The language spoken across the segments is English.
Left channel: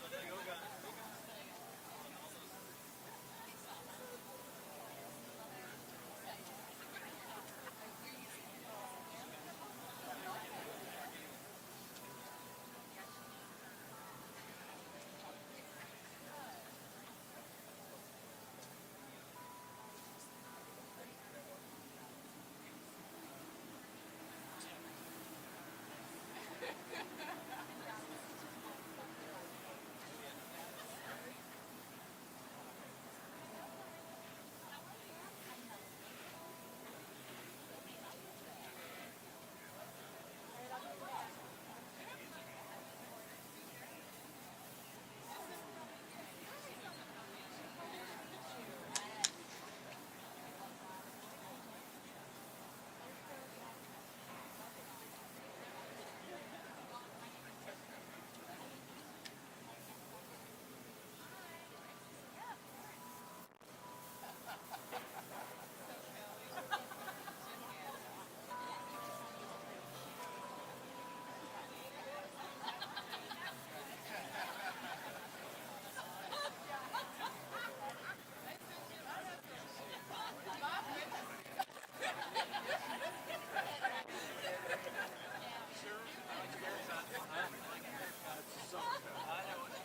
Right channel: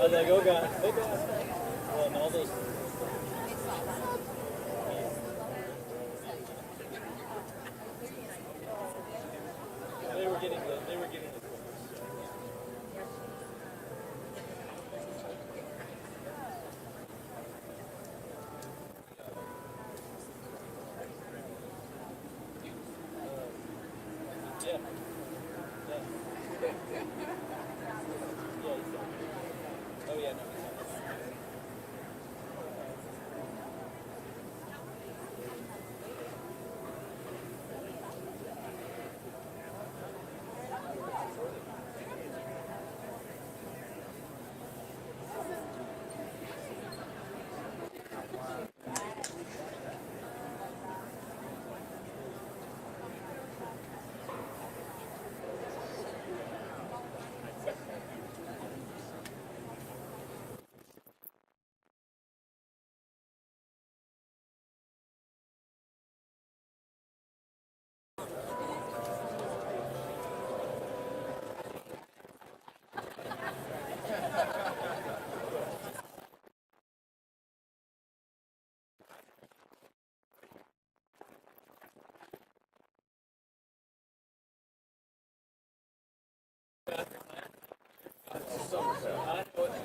I was like, oh God, oh God. Well, and all those. They were getting the. Yeah. Oh yeah, no.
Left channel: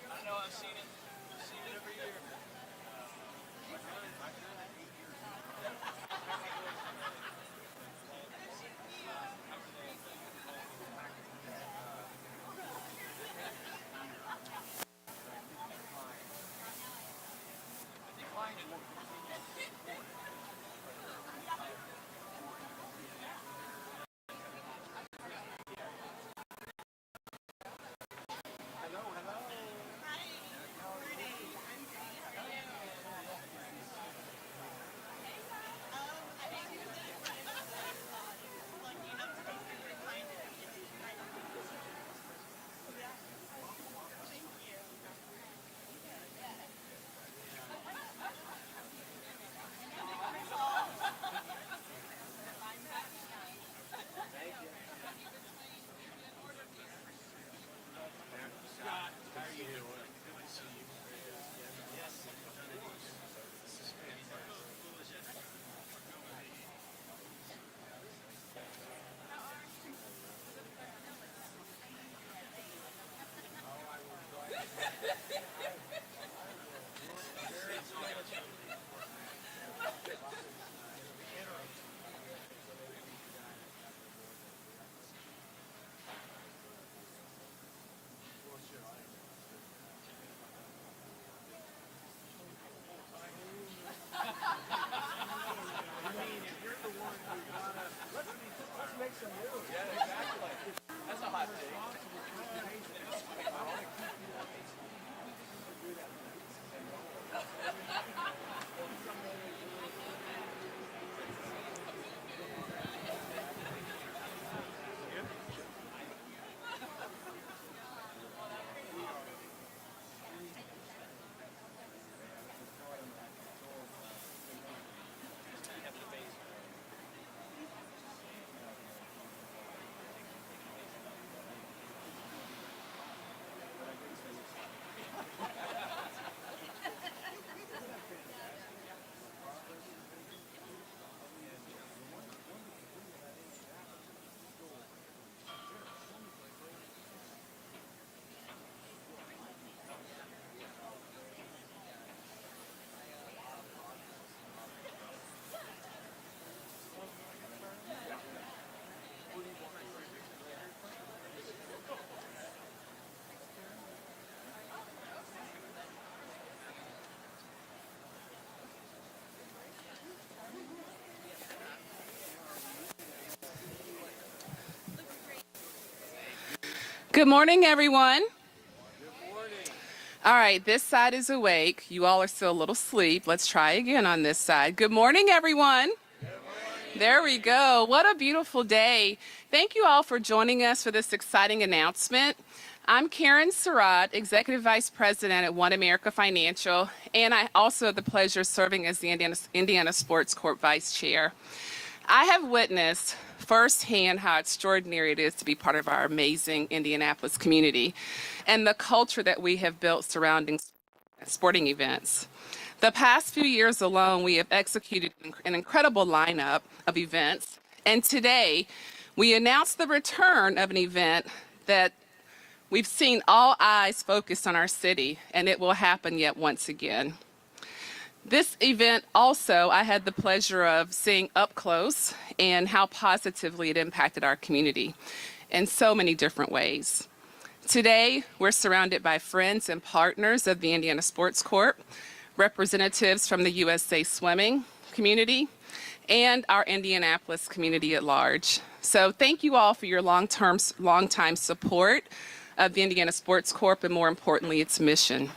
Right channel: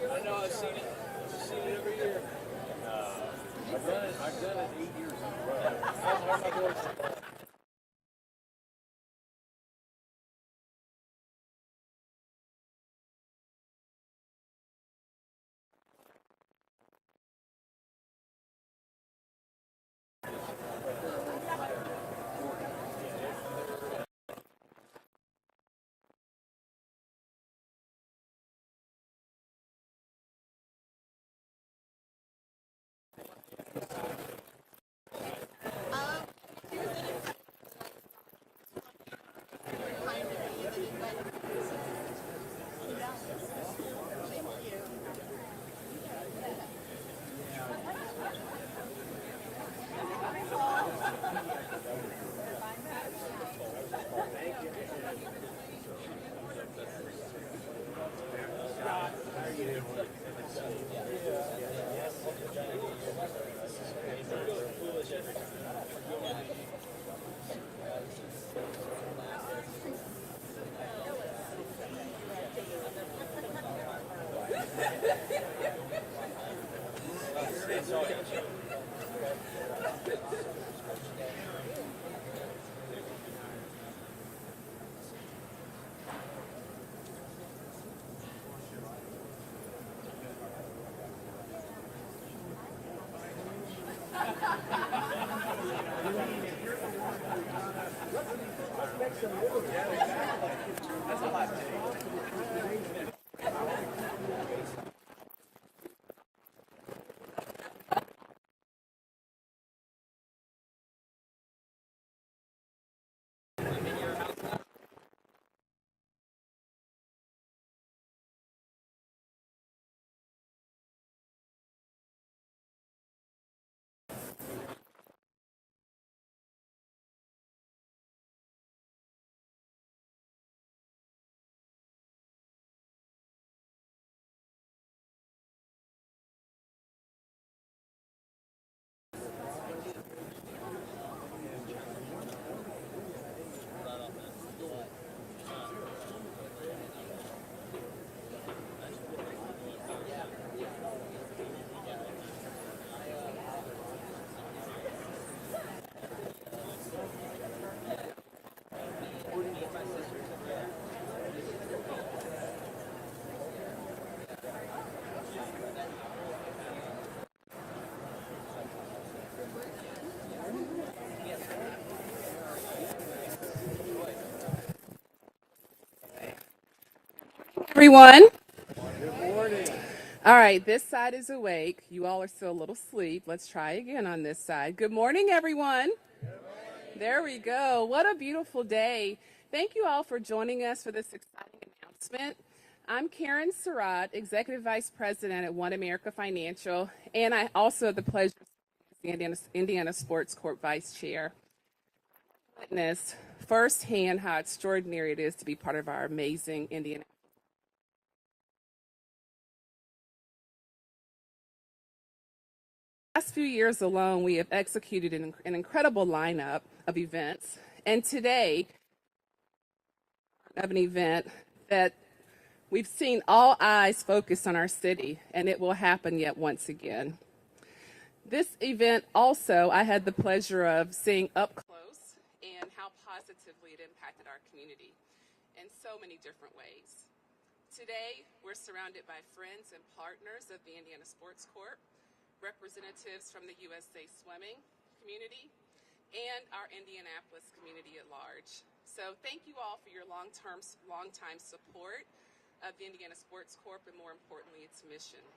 I know. I've seen it. I've seen it every year. I've done it 8 years in a row. How are my boys? Good morning, everyone. Good morning. All right, this side is awake. You all are still a little asleep. Let's try again on this side. Good morning, everyone. There we go. What a beautiful day. Thank you all for joining us for this exciting announcement. I'm Karen Surratt, Executive Vice President at One America Financial, and I also have the pleasure of serving as the Indiana Sports Corp Vice Chair. I have witnessed firsthand how extraordinary it is to be part of our amazing Indianapolis community and the culture that we have built surrounding sporting events. The past few years alone, we have executed an incredible lineup of events, and today we announced the return of an event that we've seen all eyes focused on our city, and it will happen yet once again. This event also, I had the pleasure of seeing up close and how positively it impacted our community in so many different ways. Today, we're surrounded by friends and partners of the Indiana Sports Corp, representatives from the USA Swimming community, and our Indianapolis community at large. So thank you all for your long-time support of the Indiana Sports Corp, and more importantly, its mission.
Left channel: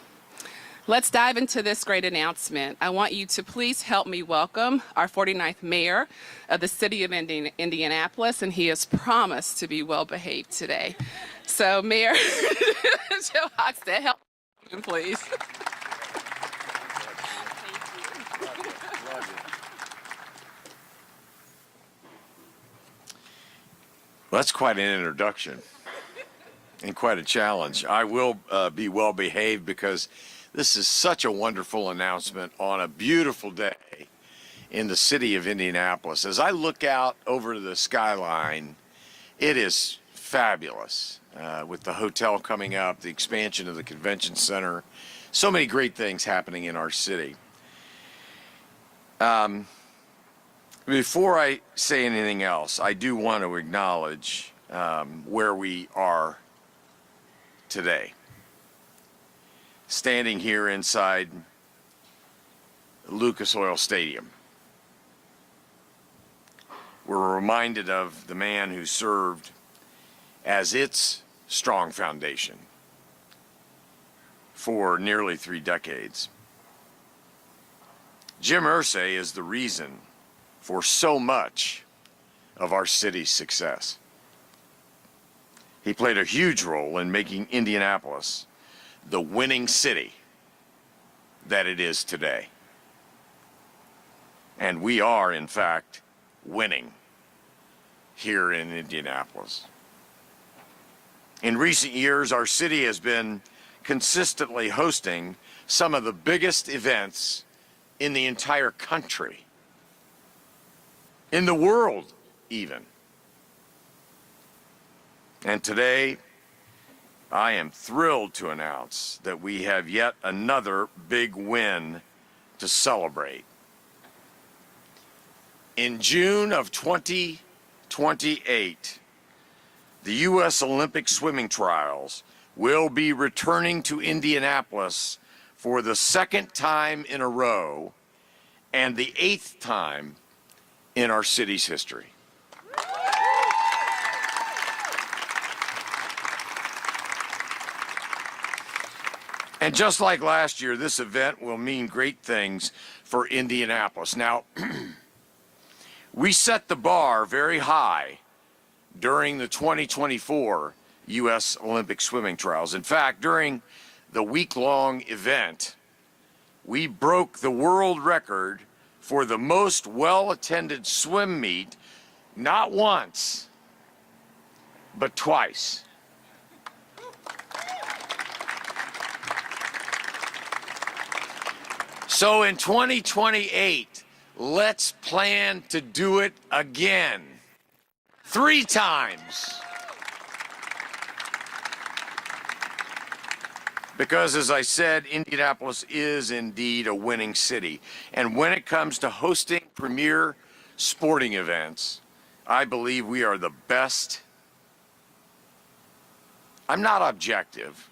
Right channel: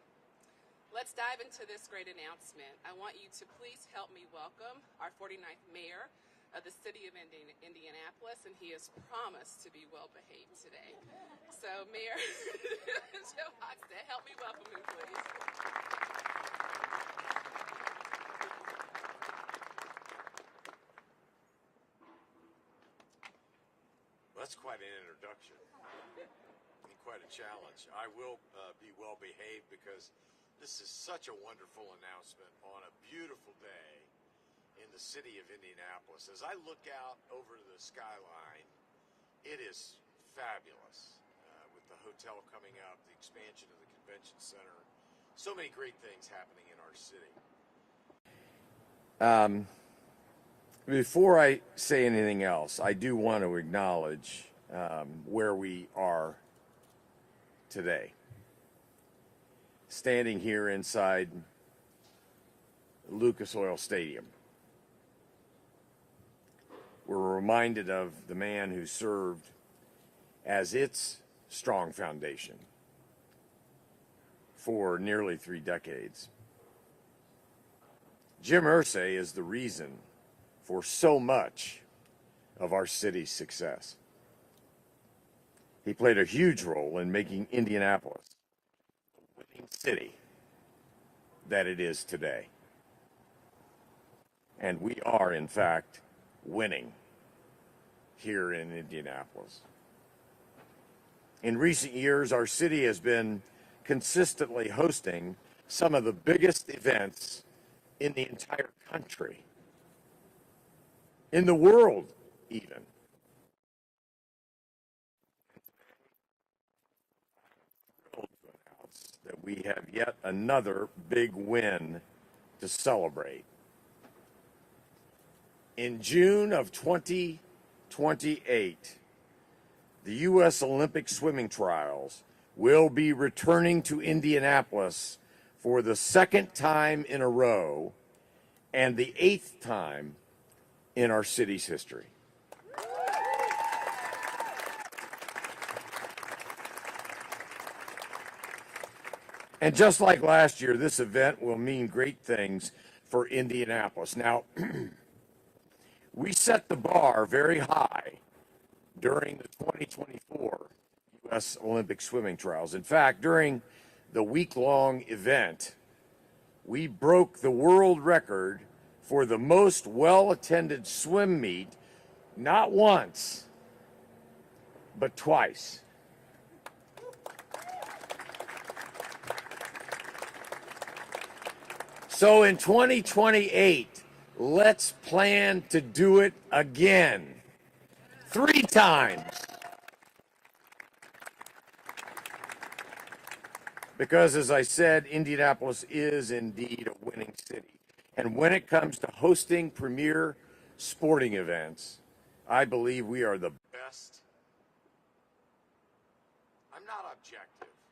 Let's dive into this great announcement. I want you to please help me welcome our 49th mayor of the city of Indianapolis, and he has promised to be well behaved today. So Mayor Joe Hochstead, help me welcome him, please. Well, that's quite an introduction and quite a challenge. I will be well behaved because this is such a wonderful announcement on a beautiful day in the city of Indianapolis. As I look out over the skyline, it is fabulous with the hotel coming up, the expansion of the convention center, so many great things happening in our city. Before I say anything else, I do want to acknowledge where we are today. Standing here inside Lucas Oil Stadium. We're reminded of the man who served as its strong foundation for nearly 3 decades. Jim Irsay is the reason for so much of our city's success. He played a huge role in making Indianapolis the winning city that it is today. And we are, in fact, winning here in Indianapolis. In recent years, our city has been consistently hosting some of the biggest events in the entire country, in the world even. And today, I am thrilled to announce that we have yet another big win to celebrate. In June of 2028, the U.S. Olympic swimming trials will be returning to Indianapolis for the 2nd time in a row and the 8th time in our city's history. And just like last year, this event will mean great things for Indianapolis. Now, we set the bar very high during the 2024 U.S. Olympic swimming trials. In fact, during the week-long event, we broke the world record for the most well-attended swim meet, not once, but twice. So in 2028, let's plan to do it again. 3 times. Because, as I said, Indianapolis is indeed a winning city. And when it comes to hosting premier sporting events, I believe we are the best. I'm not objective,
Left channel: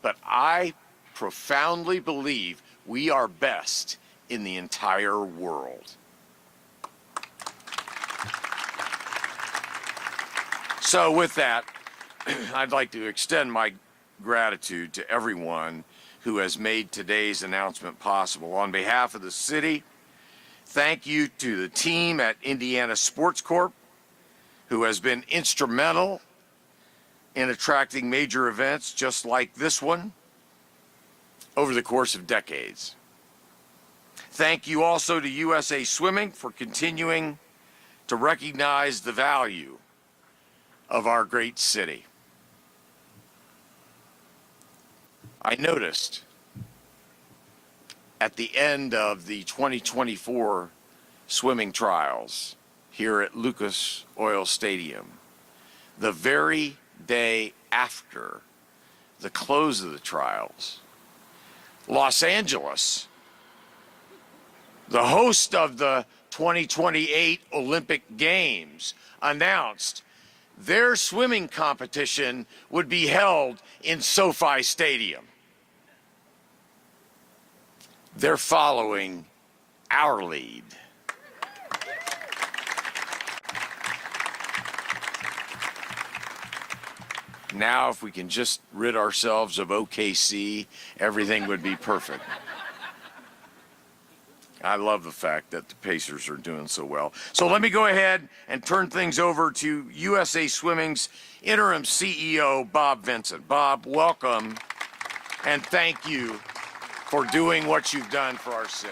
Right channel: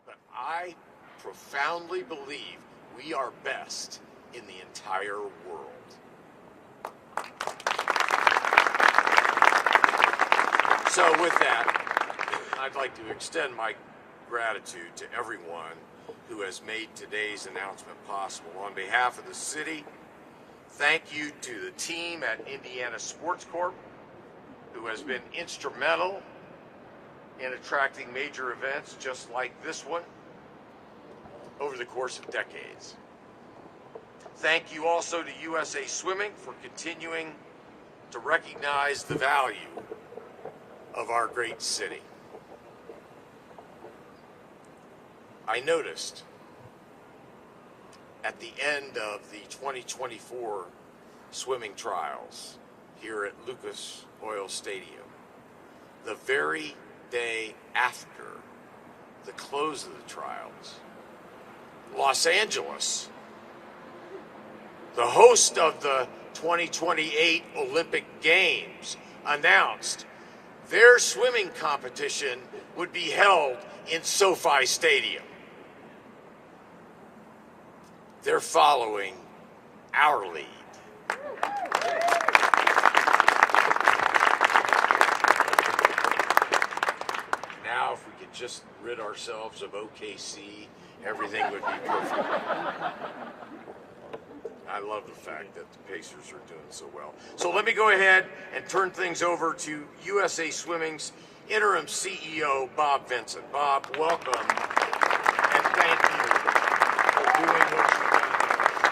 but I profoundly believe we are best in the entire world. So with that, I'd like to extend my gratitude to everyone who has made today's announcement possible. On behalf of the city, thank you to the team at Indiana Sports Corp, who has been instrumental in attracting major events just like this one over the course of decades. Thank you also to USA Swimming for continuing to recognize the value of our great city. I noticed at the end of the 2024 swimming trials here at Lucas Oil Stadium, the very day after the close of the trials, Los Angeles, the host of the 2028 Olympic Games, announced their swimming competition would be held in SoFi Stadium. They're following our lead. Now, if we can just rid ourselves of OKC, everything would be perfect. I love the fact that the Pacers are doing so well. So let me go ahead and turn things over to USA Swimming's interim CEO, Bob Vincent. Bob, welcome, and thank you for doing what you've done for our city.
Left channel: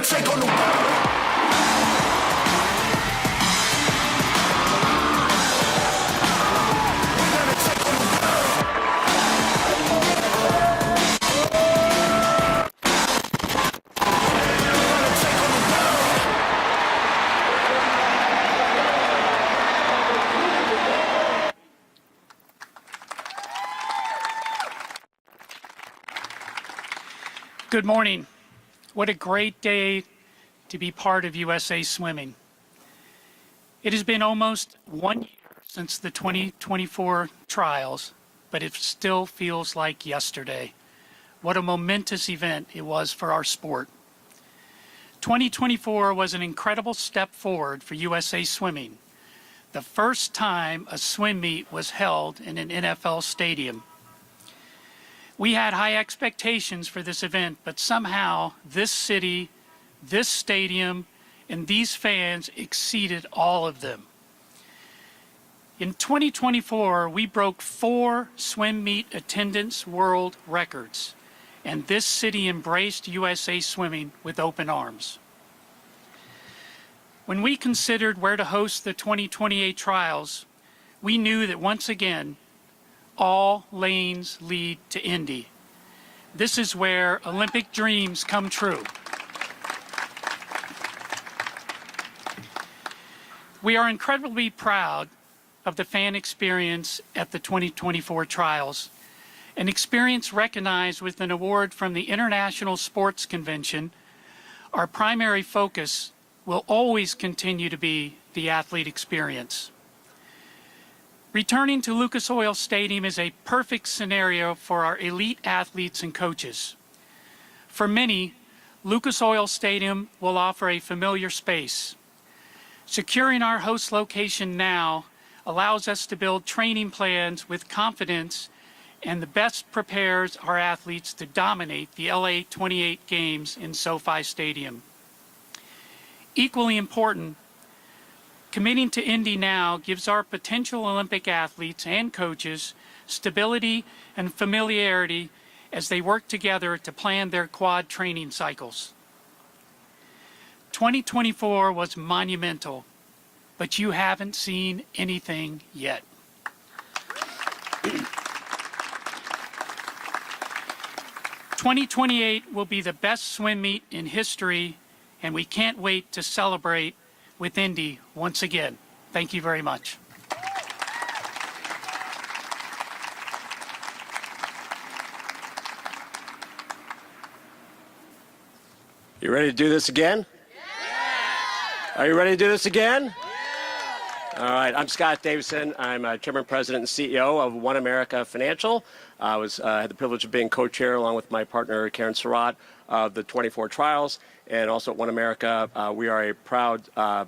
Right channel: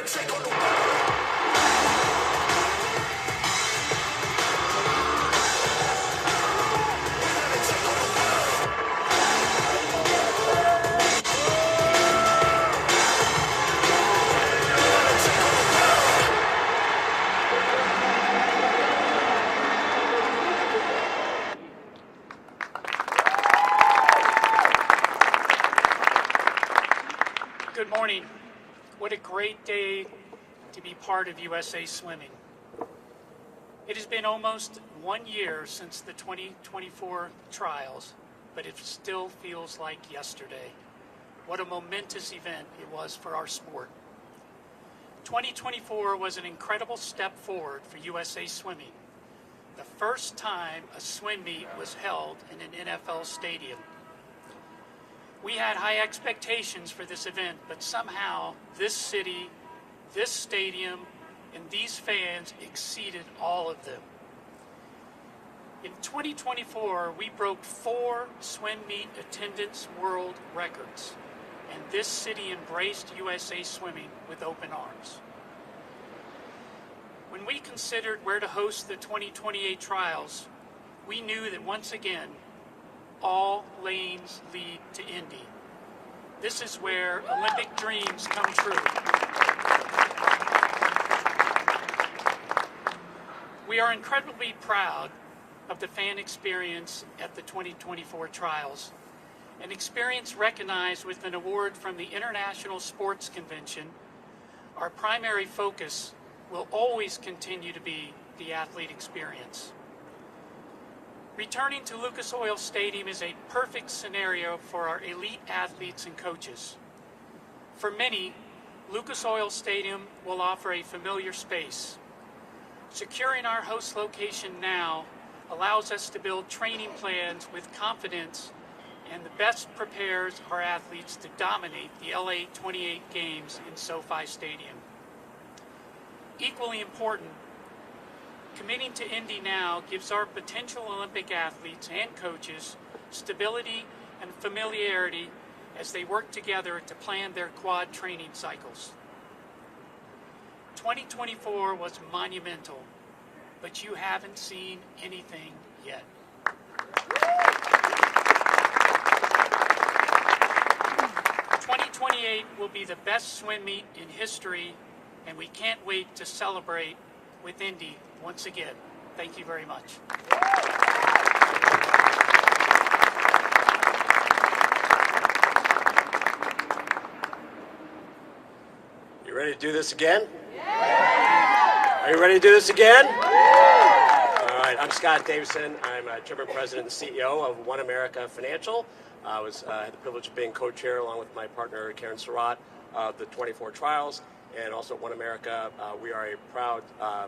Take on the world. Good morning. What a great day to be part of USA Swimming. It has been almost 1 year since the 2024 trials, but it still feels like yesterday. What a momentous event it was for our sport. 2024 was an incredible step forward for USA Swimming. The first time a swim meet was held in an NFL stadium. We had high expectations for this event, but somehow this city, this stadium, and these fans exceeded all of them. In 2024, we broke 4 swim meet attendance world records, and this city embraced USA Swimming with open arms. When we considered where to host the 2028 trials, we knew that once again, all lanes lead to Indy. This is where Olympic dreams come true. We are incredibly proud of the fan experience at the 2024 trials, an experience recognized with an award from the International Sports Convention. Our primary focus will always continue to be the athlete experience. Returning to Lucas Oil Stadium is a perfect scenario for our elite athletes and coaches. For many, Lucas Oil Stadium will offer a familiar space. Securing our host location now allows us to build training plans with confidence and the best prepares our athletes to dominate the LA 28 games in SoFi Stadium. Equally important, committing to Indy now gives our potential Olympic athletes and coaches stability and familiarity as they work together to plan their quad training cycles. 2024 was monumental, but you haven't seen anything yet. '28 will be the best swim meet in history, and we can't wait to celebrate with Indy once again. Thank you very much. You ready to do this again? Yeah! Are you ready to do this again? All right, I'm Scott Davison. I'm Chairman, President, and CEO of One America Financial. I had the privilege of being co-chair along with my partner, Karen Surratt, of the 24 trials. And also at One America, we are a proud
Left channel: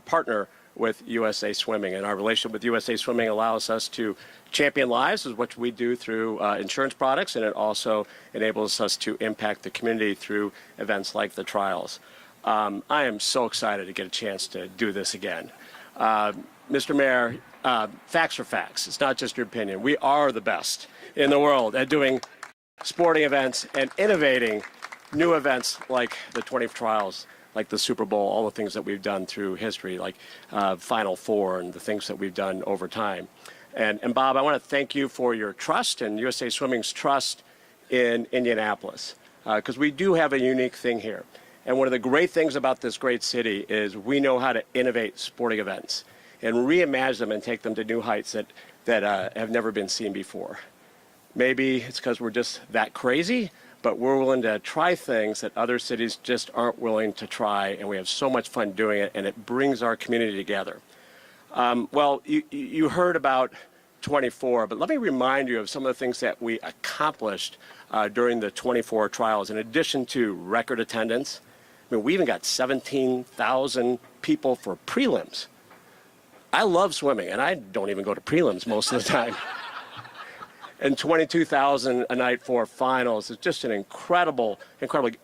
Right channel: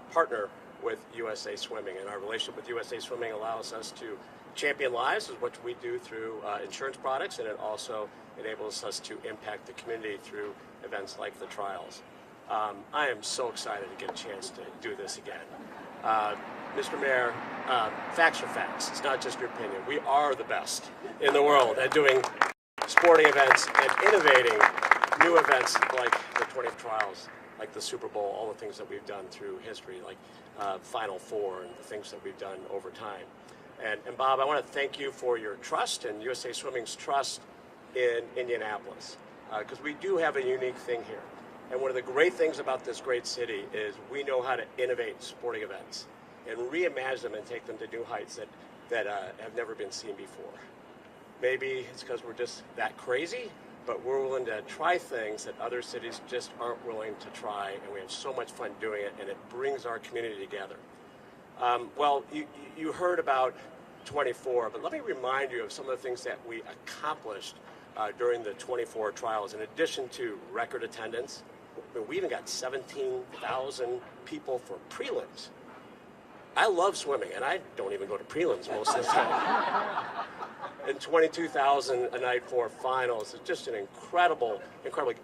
partner with USA Swimming. And our relationship with USA Swimming allows us to champion lives, is what we do through insurance products, and it also enables us to impact the community through events like the trials. I am so excited to get a chance to do this again. Mr. Mayor, facts are facts. It's not just your opinion. We are the best in the world at doing sporting events and innovating new events like the 20 trials, like the Super Bowl, all the things that we've done through history, like Final Four and the things that we've done over time. And Bob, I want to thank you for your trust and USA Swimming's trust in Indianapolis, because we do have a unique thing here. And one of the great things about this great city is we know how to innovate sporting events and reimagine them and take them to new heights that have never been seen before. Maybe it's because we're just that crazy, but we're willing to try things that other cities just aren't willing to try, and we have so much fun doing it, and it brings our community together. Well, you heard about 24, but let me remind you of some of the things that we accomplished during the 24 trials. In addition to record attendance, I mean, we even got 17,000 people for prelims. I love swimming, and I don't even go to prelims most of the time. And 22,000 a night for finals is just an incredible.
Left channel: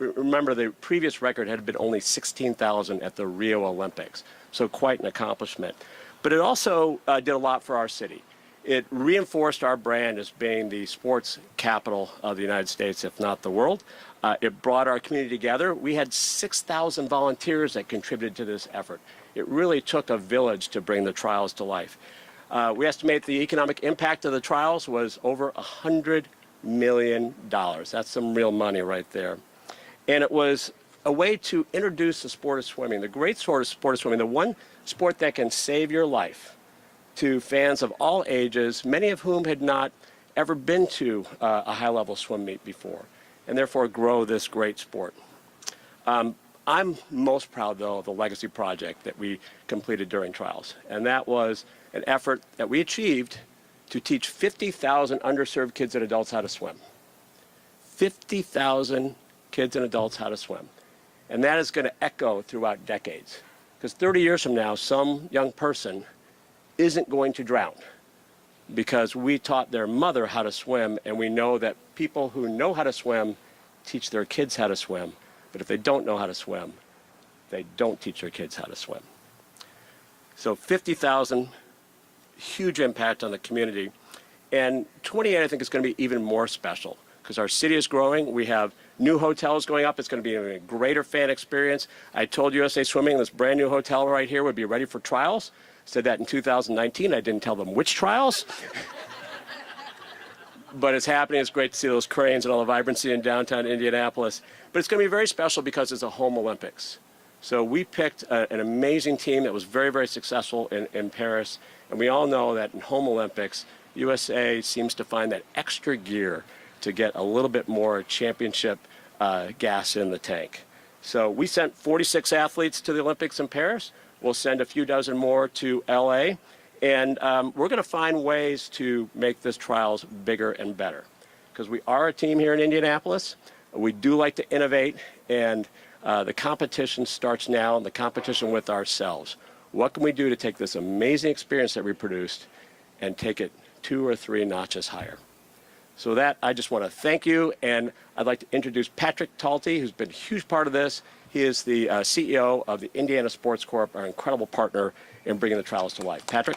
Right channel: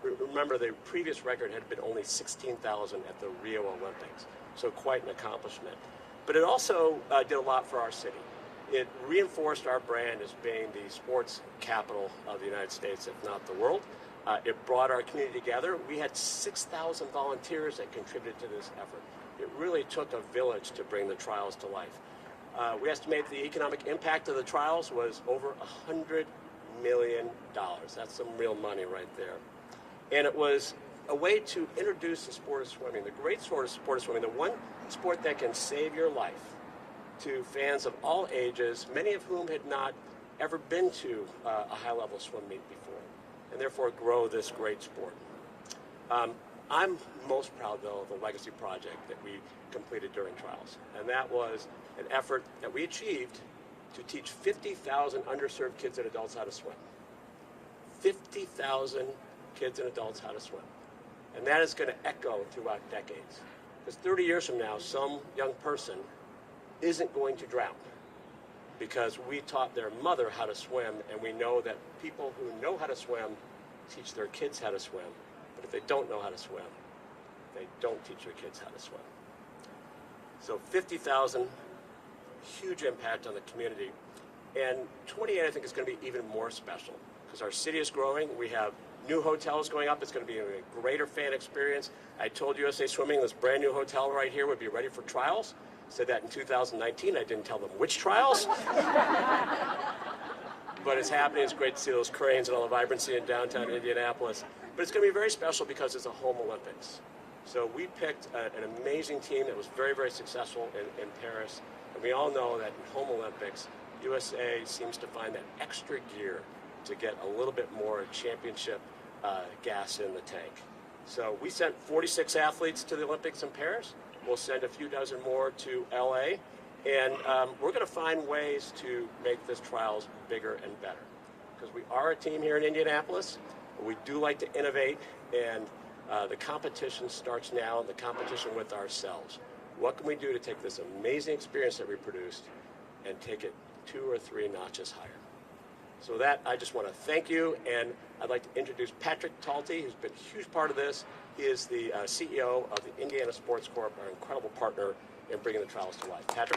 Remember, the previous record had been only 16,000 at the Rio Olympics, so quite an accomplishment. But it also did a lot for our city. It reinforced our brand as being the sports capital of the United States, if not the world. It brought our community together. We had 6,000 volunteers that contributed to this effort. It really took a village to bring the trials to life. We estimate the economic impact of the trials was over $100 million. That's some real money right there. And it was a way to introduce the sport of swimming, the great sport of swimming, the one sport that can save your life, to fans of all ages, many of whom had not ever been to a high-level swim meet before, and therefore grow this great sport. I'm most proud, though, of the legacy project that we completed during trials, and that was an effort that we achieved to teach 50,000 underserved kids and adults how to swim. 50,000 kids and adults how to swim. And that is going to echo throughout decades. Because 30 years from now, some young person isn't going to drown because we taught their mother how to swim, and we know that people who know how to swim teach their kids how to swim. But if they don't know how to swim, they don't teach their kids how to swim. So 50,000, huge impact on the community. And 28, I think, is going to be even more special because our city is growing. We have new hotels going up. It's going to be a greater fan experience. I told USA Swimming this brand new hotel right here would be ready for trials. Said that in 2019. I didn't tell them which trials. But it's happening. It's great to see those cranes and all the vibrancy in downtown Indianapolis. But it's going to be very special because it's a home Olympics. So we picked an amazing team that was very, very successful in Paris. And we all know that in home Olympics, USA seems to find that extra gear to get a little bit more championship gas in the tank. So we sent 46 athletes to the Olympics in Paris. We'll send a few dozen more to LA. And we're going to find ways to make this trials bigger and better. Because we are a team here in Indianapolis. We do like to innovate, and the competition starts now, the competition with ourselves. What can we do to take this amazing experience that we produced and take it 2 or 3 notches higher? So that, I just want to thank you, and I'd like to introduce Patrick Talty, who's been a huge part of this. He is the CEO of the Indiana Sports Corp, our incredible partner in bringing the trials to life. Patrick?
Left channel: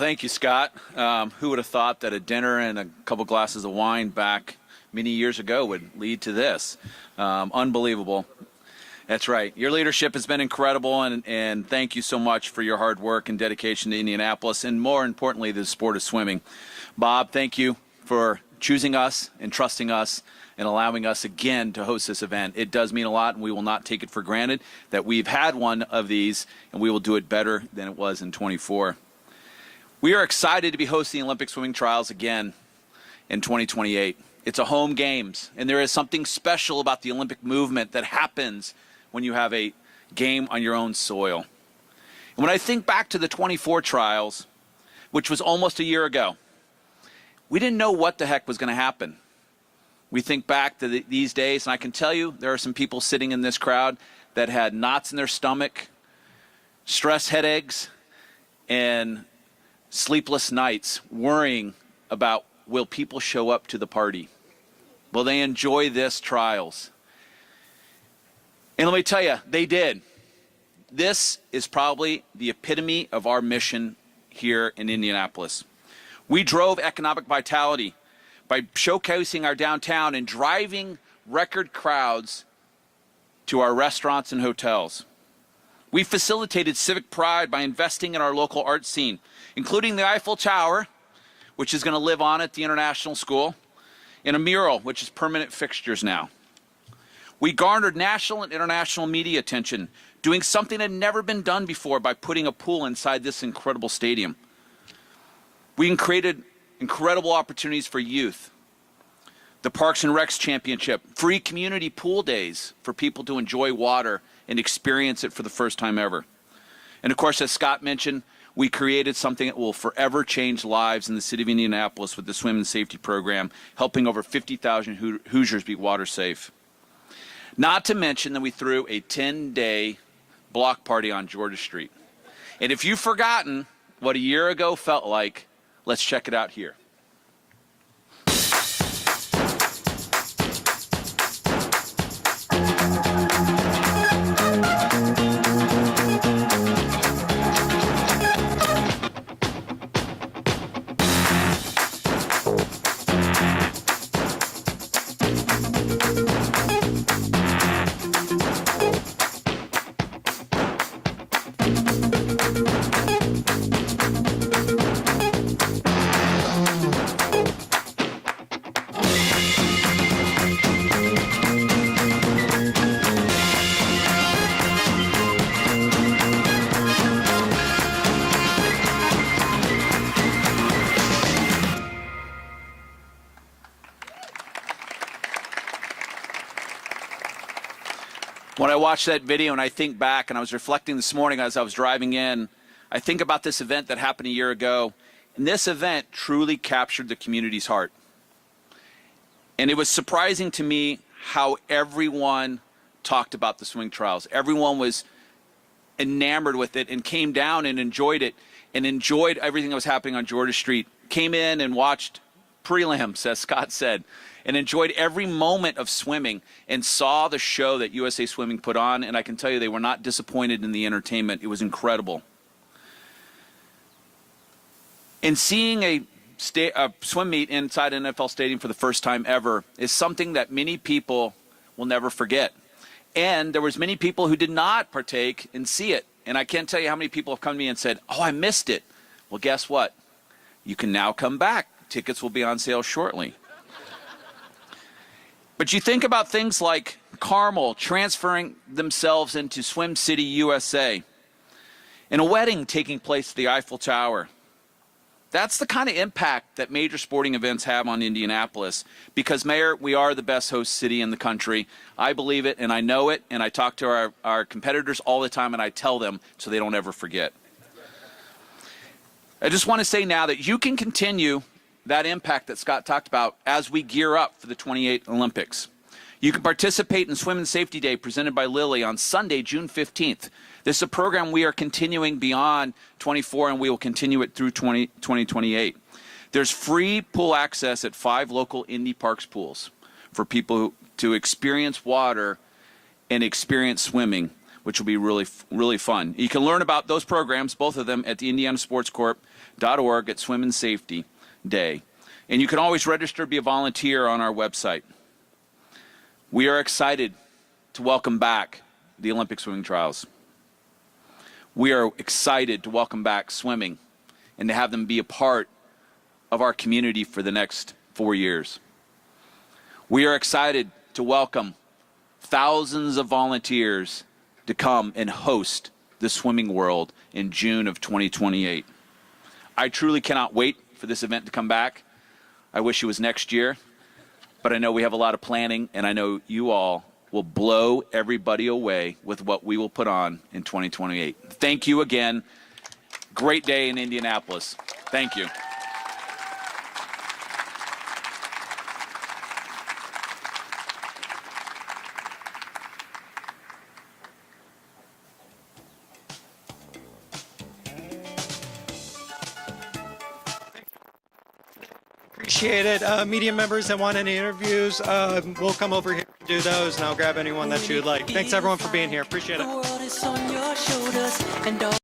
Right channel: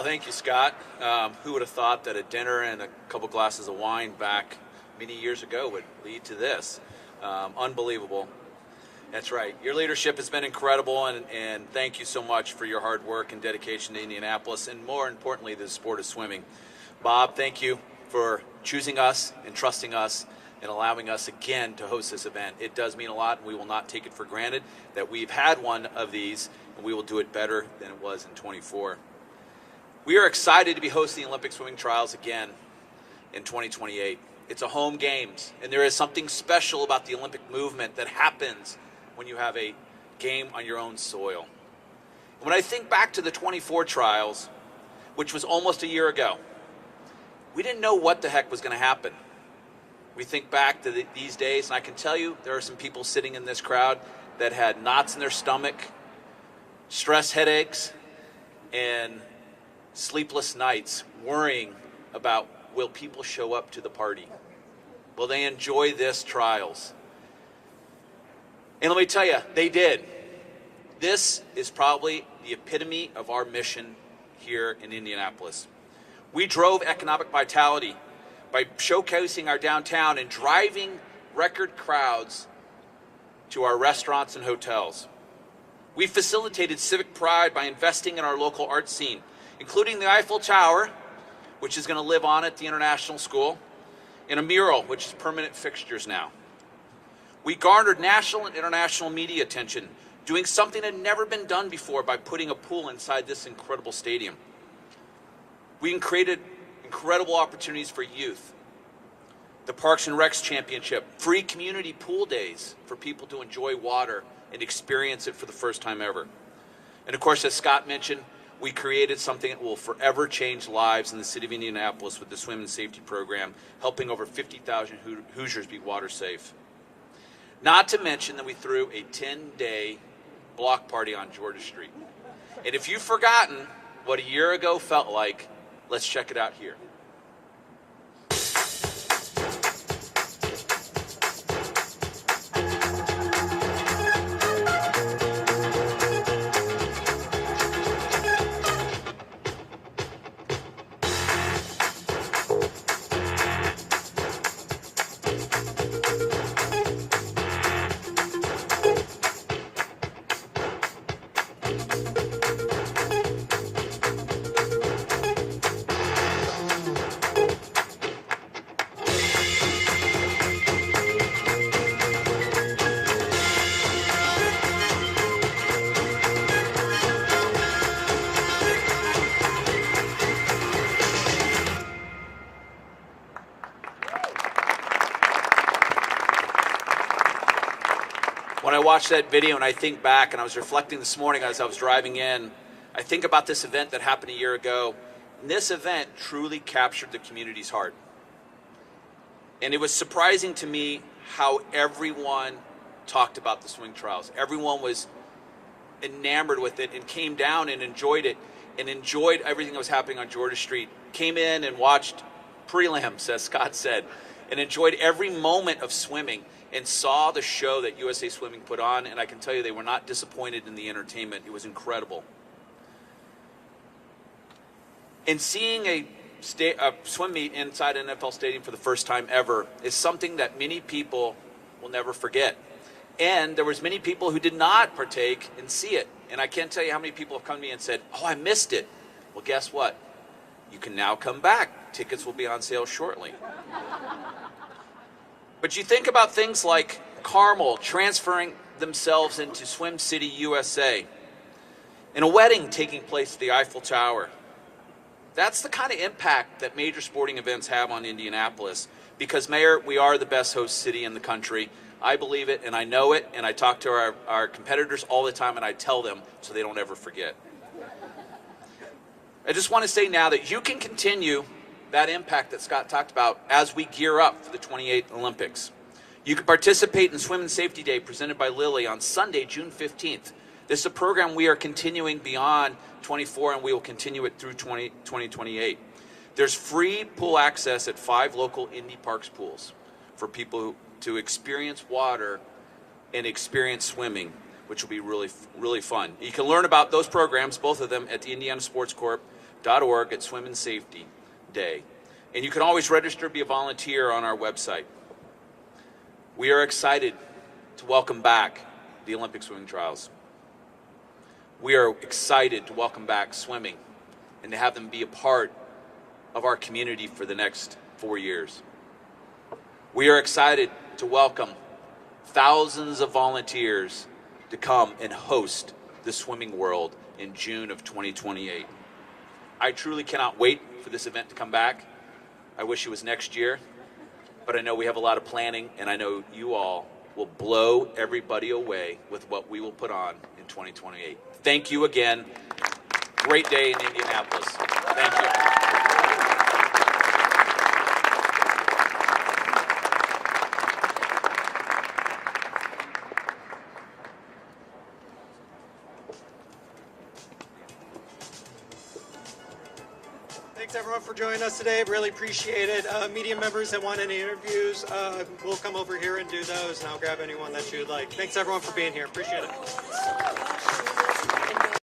Thank you, Scott. Who would have thought that a dinner and a couple glasses of wine back many years ago would lead to this? Unbelievable. That's right. Your leadership has been incredible, and thank you so much for your hard work and dedication to Indianapolis, and more importantly, the sport of swimming. Bob, thank you for choosing us and trusting us and allowing us again to host this event. It does mean a lot, and we will not take it for granted that we've had one of these, and we will do it better than it was in 24. We are excited to be hosting the Olympic swimming trials again in 2028. It's a home games, and there is something special about the Olympic movement that happens when you have a game on your own soil. And when I think back to the 24 trials, which was almost a year ago, we didn't know what the heck was going to happen. We think back to these days, and I can tell you there are some people sitting in this crowd that had knots in their stomach, stress headaches, and sleepless nights worrying about, will people show up to the party? Will they enjoy this trials? And let me tell you, they did. This is probably the epitome of our mission here in Indianapolis. We drove economic vitality by showcasing our downtown and driving record crowds to our restaurants and hotels. We facilitated civic pride by investing in our local art scene, including the Eiffel Tower, which is going to live on at the International School, and a mural, which is permanent fixtures now. We garnered national and international media attention, doing something that had never been done before by putting a pool inside this incredible stadium. We created incredible opportunities for youth. The Parks and Recs Championship, free community pool days for people to enjoy water and experience it for the first time ever. And of course, as Scott mentioned, we created something that will forever change lives in the city of Indianapolis with the Swim and Safety Program, helping over 50,000 Hoosiers be water safe. Not to mention that we threw a 10-day block party on Georgia Street. And if you've forgotten what a year ago felt like, let's check it out here. When I watch that video and I think back, and I was reflecting this morning as I was driving in, I think about this event that happened a year ago. And this event truly captured the community's heart. And it was surprising to me how everyone talked about the swing trials. Everyone was enamored with it and came down and enjoyed it and enjoyed everything that was happening on Georgia Street. Came in and watched prelims, as Scott said, and enjoyed every moment of swimming and saw the show that USA Swimming put on, and I can tell you they were not disappointed in the entertainment. It was incredible. And seeing a swim meet inside an NFL stadium for the first time ever is something that many people will never forget. And there was many people who did not partake and see it. And I can't tell you how many people have come to me and said, "Oh, I missed it." Well, guess what? You can now come back. Tickets will be on sale shortly. But you think about things like Carmel transferring themselves into Swim City, USA, and a wedding taking place at the Eiffel Tower. That's the kind of impact that major sporting events have on Indianapolis. Because, Mayor, we are the best host city in the country. I believe it, and I know it, and I talk to our competitors all the time, and I tell them so they don't ever forget. I just want to say now that you can continue that impact that Scott talked about as we gear up for the 28th Olympics. You can participate in Swim and Safety Day presented by Lilly on Sunday, June 15th. This is a program we are continuing beyond 24, and we will continue it through 2028. There's free pool access at 5 local Indy Parks pools for people to experience water and experience swimming, which will be really, really fun. You can learn about those programs, both of them, at the indianasportscorp.org at Swim and Safety Day. And you can always register to be a volunteer on our website. We are excited to welcome back the Olympic swimming trials. We are excited to welcome back swimming and to have them be a part of our community for the next 4 years. We are excited to welcome thousands of volunteers to come and host the Swimming World in June of 2028. I truly cannot wait for this event to come back. I wish it was next year. but I know we have a lot of planning, and I know you all will blow everybody away with what we will put on in 2028. Thank you again. Great day in Indianapolis. Thank you. Thanks everyone for joining us today. Really appreciate it. Media members that want any interviews, we'll come over here and do those, and I'll grab anyone that you'd like. Thanks everyone for being here. Appreciate it.